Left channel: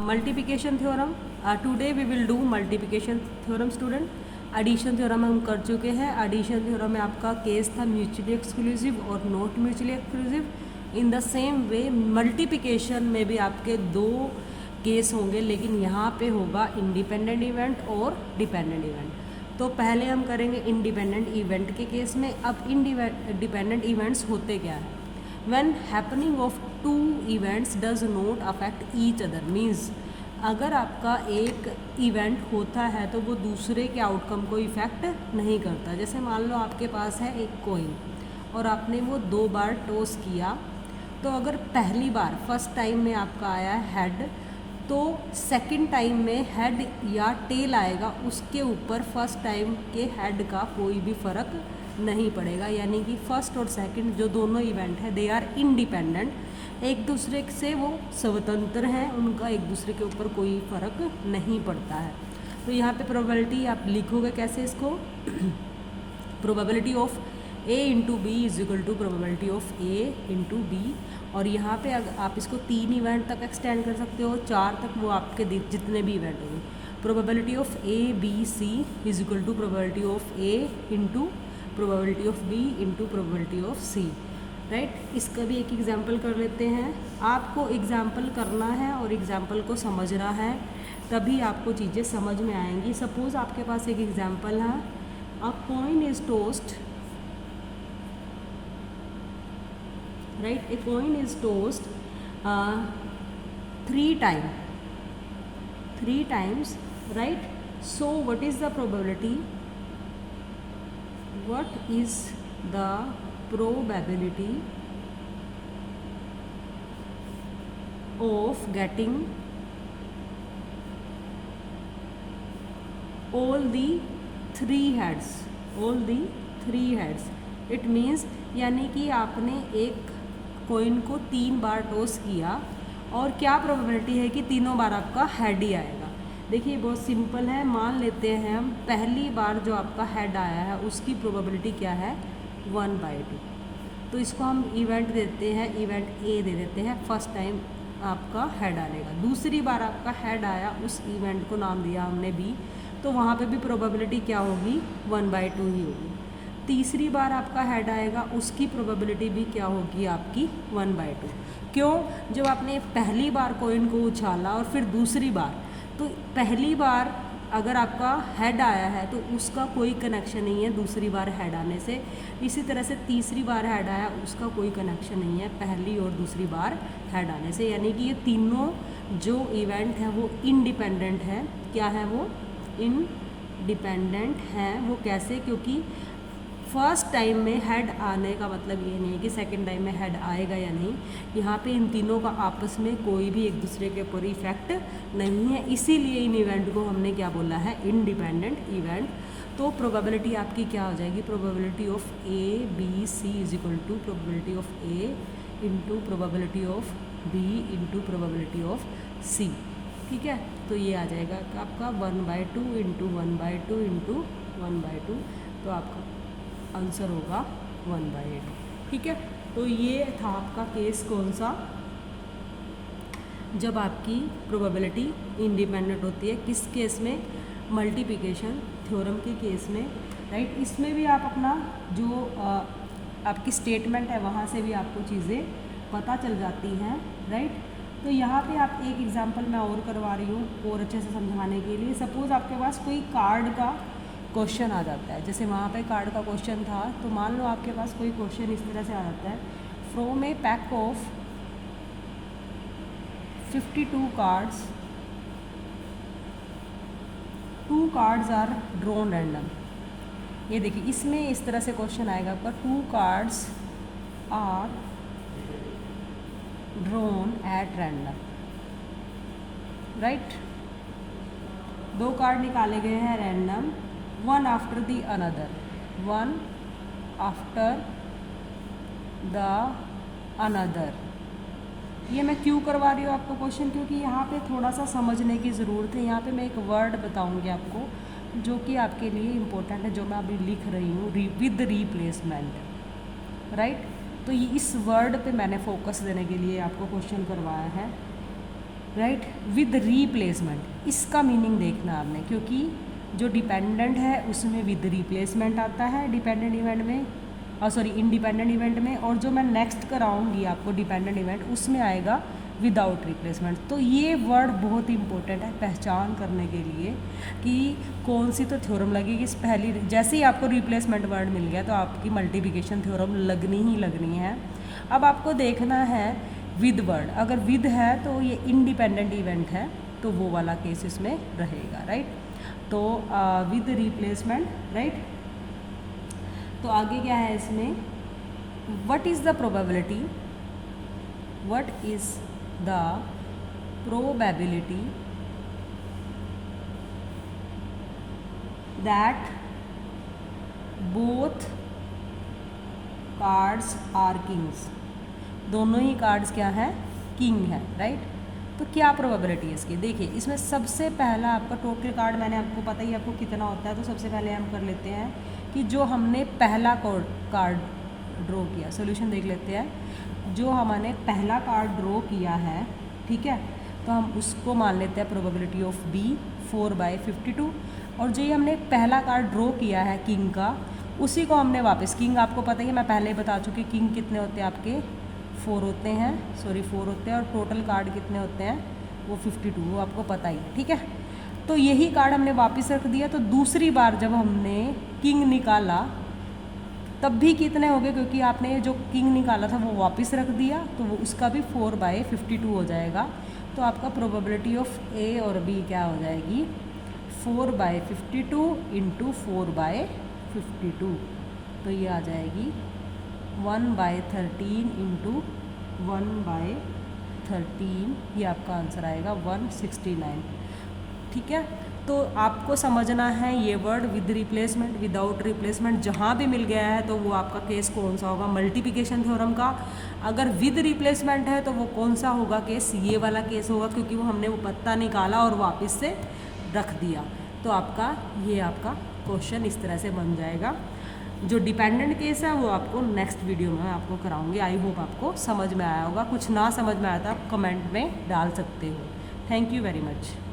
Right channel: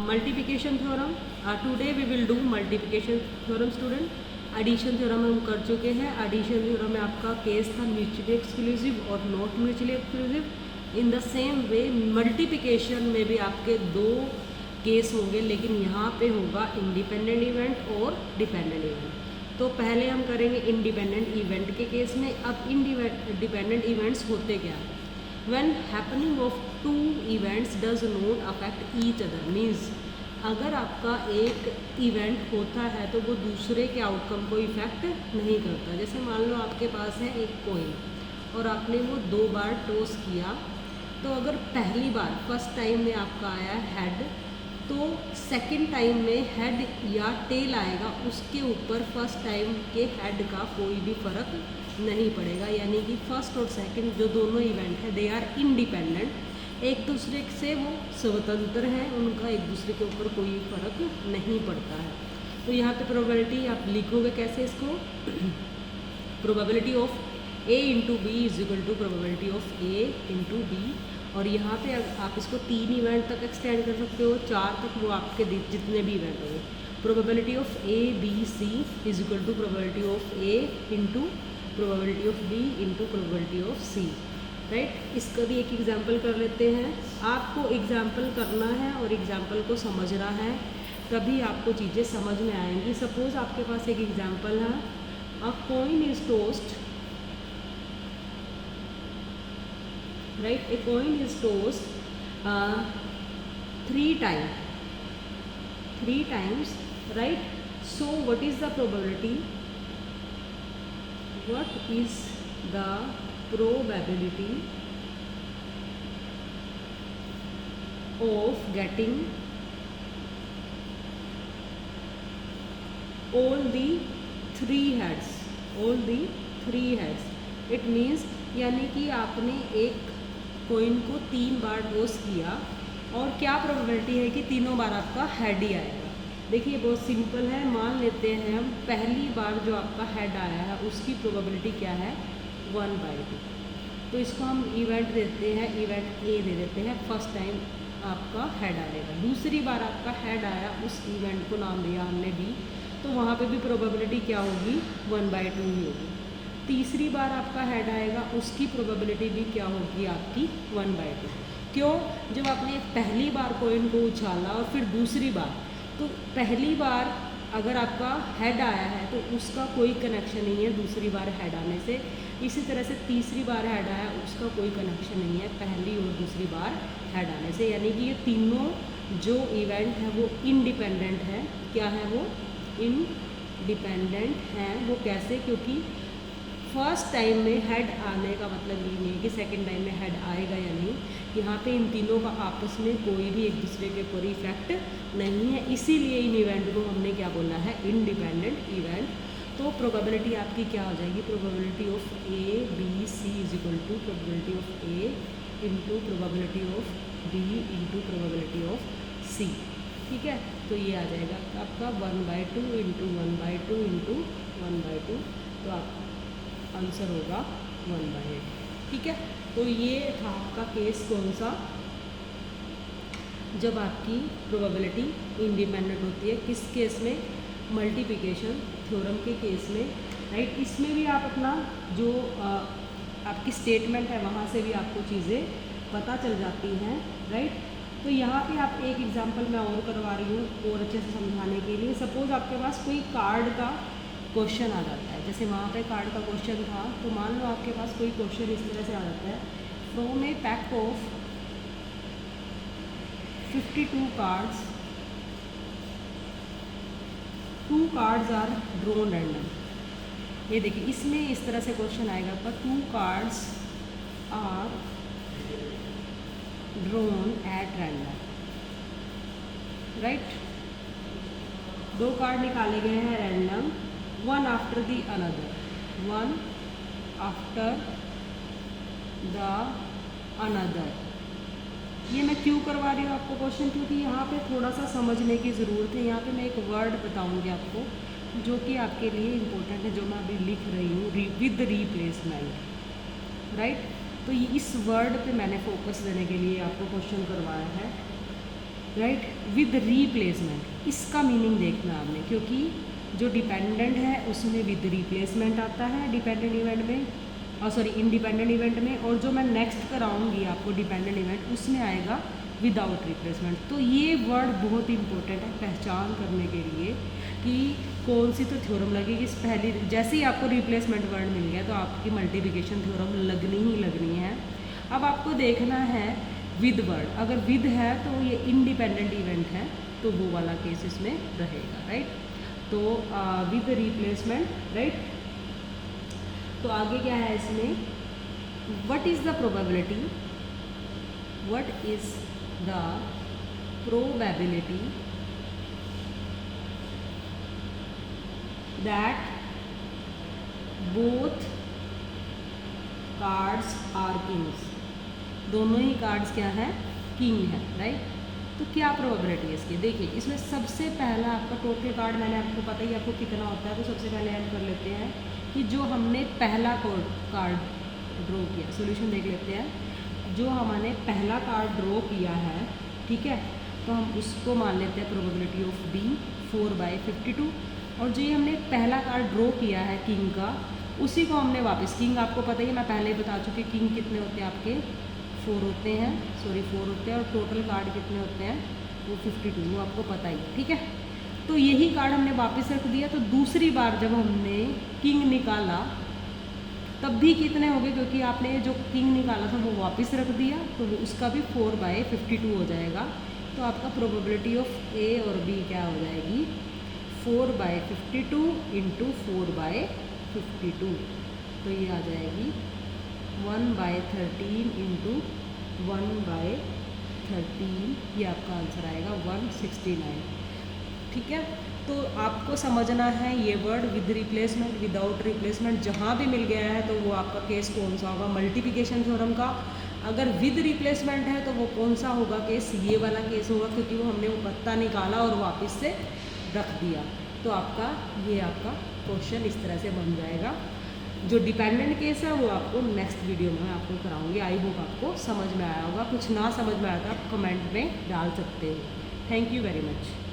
Multiplication theorem. Today we will do multiplication theorem student. Addition theorem हम कर चुके हैं। एडिशन थ्योरम में आपका केस था म्यूचुअली एक्सक्लूसिव और not mutually exclusive. In the same way multiplication में भी आपके दो केस होंगे, लेकिन यहाँ पे होगा इंडिपेंडेंट इवेंट और डिपेंडेंट इवेंट। तो पहले हम करेंगे इंडिपेंडेंट इवेंट के केस में। अब इंडिपेंडेंट इवेंट्स होते क्या है? When happening of two events does not affect each other means अगर आपका एक इवेंट होता है तो वो दूसरे के आउटकम को इफ़ेक्ट नहीं करता। जैसे मान लो आपके पास है एक कोइन और आपने वो 2 बार टॉस किया, तो अगर पहली बार फर्स्ट टाइम में आपका आया हेड, तो सेकंड टाइम में हेड या टेल आएगा, उसके ऊपर फर्स्ट टाइम के हेड का कोई भी फ़र्क नहीं पड़ेगा। यानी कि फर्स्ट और सेकंड जो दोनों इवेंट है दे आर इंडिपेंडेंट, एक दूसरे से वो स्वतंत्र हैं, उनका एक दूसरे के ऊपर कोई फ़र्क नहीं पड़ता है। तो यहाँ पे प्रोबेबिलिटी आप लिखोगे कैसे इसको? Probability of A into B is equal to probability of A into B. और यहाँ पे आप इसको 3 इवेंट तक एक्सटेंड कर सकते हो, 4 तक, वो आपके जितने भी इवेंट होंगे। Probability of A B C is equal to probability of A into probability of B into probability of C, right. इसका भी एक एग्जाम्पल कर लेते हैं। आपको एग्जाम्पल करना है और एग्जाम्पल को समझना है, तभी आपको चीज़ें समझ में आएंगी। सपोज आपके पास एक एग्जाम्पल है, अ coin is tossed, right, a coin is tossed 3 times, right? So what is the probability? What is the probability of getting all the 3 heads? All the 3 heads. It means यानी कि आपने एक coin को 3 बार toss किया और क्या probability है कि तीनों बार आपका हेड ही आएगा। देखिए बहुत सिंपल है। मान लेते हैं हम पहली बार जो आपका हेड आया है उसकी प्रोबेबिलिटी क्या है? 1/2। तो इसको हम इवेंट देते हैं, इवेंट A दे देते हैं। फर्स्ट टाइम आपका हेड आएगा। दूसरी बार आपका हेड आया, उस इवेंट को नाम दिया हमने B, तो वहाँ पे भी प्रोबेबिलिटी क्या होगी? 1/2 ही होगी। तीसरी बार आपका हेड आएगा, उसकी प्रोबेबिलिटी भी क्या होगी? आपकी 1/2। क्यों? जब आपने पहली बार कॉइन को उछाला और फिर दूसरी बार, तो पहली बार अगर आपका हेड आया है तो उसका कोई कनेक्शन नहीं है दूसरी बार हेड आने से। इसी तरह से तीसरी बार हेड आया, उसका कोई कनेक्शन नहीं है पहली और दूसरी बार हेड आने से। यानी कि ये तीनों जो इवेंट हैं वो इंडिपेंडेंट हैं। क्या है वो? इंडिपेंडेंट हैं। वो कैसे? क्योंकि फर्स्ट टाइम में हेड आने का मतलब ये नहीं है कि सेकंड टाइम में हेड आएगा या नहीं। यहाँ पे इन तीनों का आपस में कोई भी एक दूसरे के ऊपर इफेक्ट नहीं है, इसीलिए इन इवेंट को हमने क्या बोला है? Independent event. तो प्रोबेबिलिटी आपकी क्या हो जाएगी? Probability of A B C is equal to probability of A into probability of B into probability of C। ठीक है, तो ये आ जाएगा आपका 1/2 इंटू 1/2 इंटू 1/2, तो आपका आंसर होगा 1/8। ठीक है, तो ये था आपका केस कौन सा? जब आपकी प्रोबेबिलिटी इंडिपेंडेंट होती है। किस केस में? मल्टीप्लिकेशन थ्योरम के केस में, राइट। इसमें भी आप अपना जो आपकी स्टेटमेंट है वहाँ से भी आपको चीज़ें पता चल जाती हैं, राइट। तो यहाँ पे आप एक एग्जांपल मैं और करवा रही हूँ और अच्छे से समझाने के लिए। सपोज़ आपके पास कोई कार्ड का क्वेश्चन आ जाता है, जैसे वहाँ पे कार्ड का क्वेश्चन था, तो मान लो आपके पास कोई क्वेश्चन इस तरह से आ जाता है, from a pack of 52 cards 2 cards are drawn random. ये देखिए इसमें इस तरह से क्वेश्चन आएगा आपका, 2 cards are drawn at random, right. 2 card निकाले गए हैं random, one after the another, one after the another। ये मैं क्यों करवा रही हूँ आपको क्वेश्चन? क्योंकि यहाँ पे थोड़ा सा समझने की ज़रूरत है। यहाँ पे मैं एक वर्ड बताऊँगी आपको जो कि आपके लिए इम्पोर्टेंट है, जो मैं अभी लिख रही हूँ, विद रिप्लेसमेंट, राइट। तो इस वर्ड पे मैंने फोकस देने के लिए आपको क्वेश्चन करवाया है। Right, with replacement. इसका मीनिंग देखना आपने, क्योंकि जो डिपेंडेंट है उसमें विद रिप्लेसमेंट आता है डिपेंडेंट इवेंट में, इंडिपेंडेंट इवेंट में, और जो मैं नेक्स्ट कराऊंगी आपको डिपेंडेंट इवेंट उसमें आएगा विदाउट रिप्लेसमेंट। तो ये वर्ड बहुत इंपॉर्टेंट है पहचान करने के लिए कि कौन सी तो थ्योरम लगेगी। इस पहली जैसे ही आपको रिप्लेसमेंट वर्ड मिल गया तो आपकी मल्टीप्लिकेशन थ्योरम लगनी ही लगनी है। अब आपको देखना है विद वर्ड, अगर विद है तो ये इंडिपेंडेंट इवेंट है तो वो वाला केस इसमें रहेगा, राइट। तो विद रिप्लेसमेंट, राइट। तो आगे क्या है इसमें, what is the probability, what is the probability that both cards are kings, दोनों ही कार्ड्स क्या है, किंग है, राइट। तो क्या प्रोबेबिलिटी है इसकी, देखिए इसमें सबसे पहला आपका टोटल कार्ड मैंने आपको पता ही आपको कितना होता है, तो सबसे पहले हम कर लेते हैं कि जो हमने पहला कार्ड ड्रॉ किया, सॉल्यूशन देख लेते हैं। जो हमने पहला कार्ड ड्रॉ किया है, ठीक है, तो हम उसको मान लेते हैं प्रोबेबिलिटी ऑफ बी 4/52, और जो ये हमने पहला कार्ड ड्रॉ किया है किंग का, उसी को हमने वापस, किंग आपको पता ही है, मैं पहले ही बता चुकी, किंग कितने होते हैं आपके 4 होते हैं, 4 होते हैं, और टोटल कार्ड कितने होते हैं वो 52, वो आपको पता ही, ठीक है। तो यही कार्ड हमने वापस रख दिया, तो दूसरी बार जब हमने किंग निकाला तब भी कितने हो गए, क्योंकि आपने जो किंग निकाला था वो वापस रख दिया, तो वो उसका भी 4/52 हो जाएगा। तो आपका प्रोबेबिलिटी ऑफ ए और बी क्या हो जाएगी, 4/52 इंटू 4/52, तो ये आ जाएगी 1/13 इंटू 1/13, ये आपका आंसर आएगा 169, ठीक है। तो आपको समझना है ये word with replacement, without replacement, जहाँ भी मिल गया है तो वो आपका केस कौन सा होगा, मल्टीप्लिकेशन थ्योरम का। अगर विद रिप्लेसमेंट है तो वो कौन सा होगा केस, ये वाला केस होगा, क्योंकि वो हमने वो पत्ता निकाला और वापस से रख दिया। तो आपका ये आपका क्वेश्चन इस तरह से बन जाएगा। जो डिपेंडेंट केस है वो आपको नेक्स्ट वीडियो में आपको कराऊंगी। आई होप आपको समझ में आया होगा, कुछ ना समझ में आया तो आप कमेंट में डाल सकते हो। Thank you very much.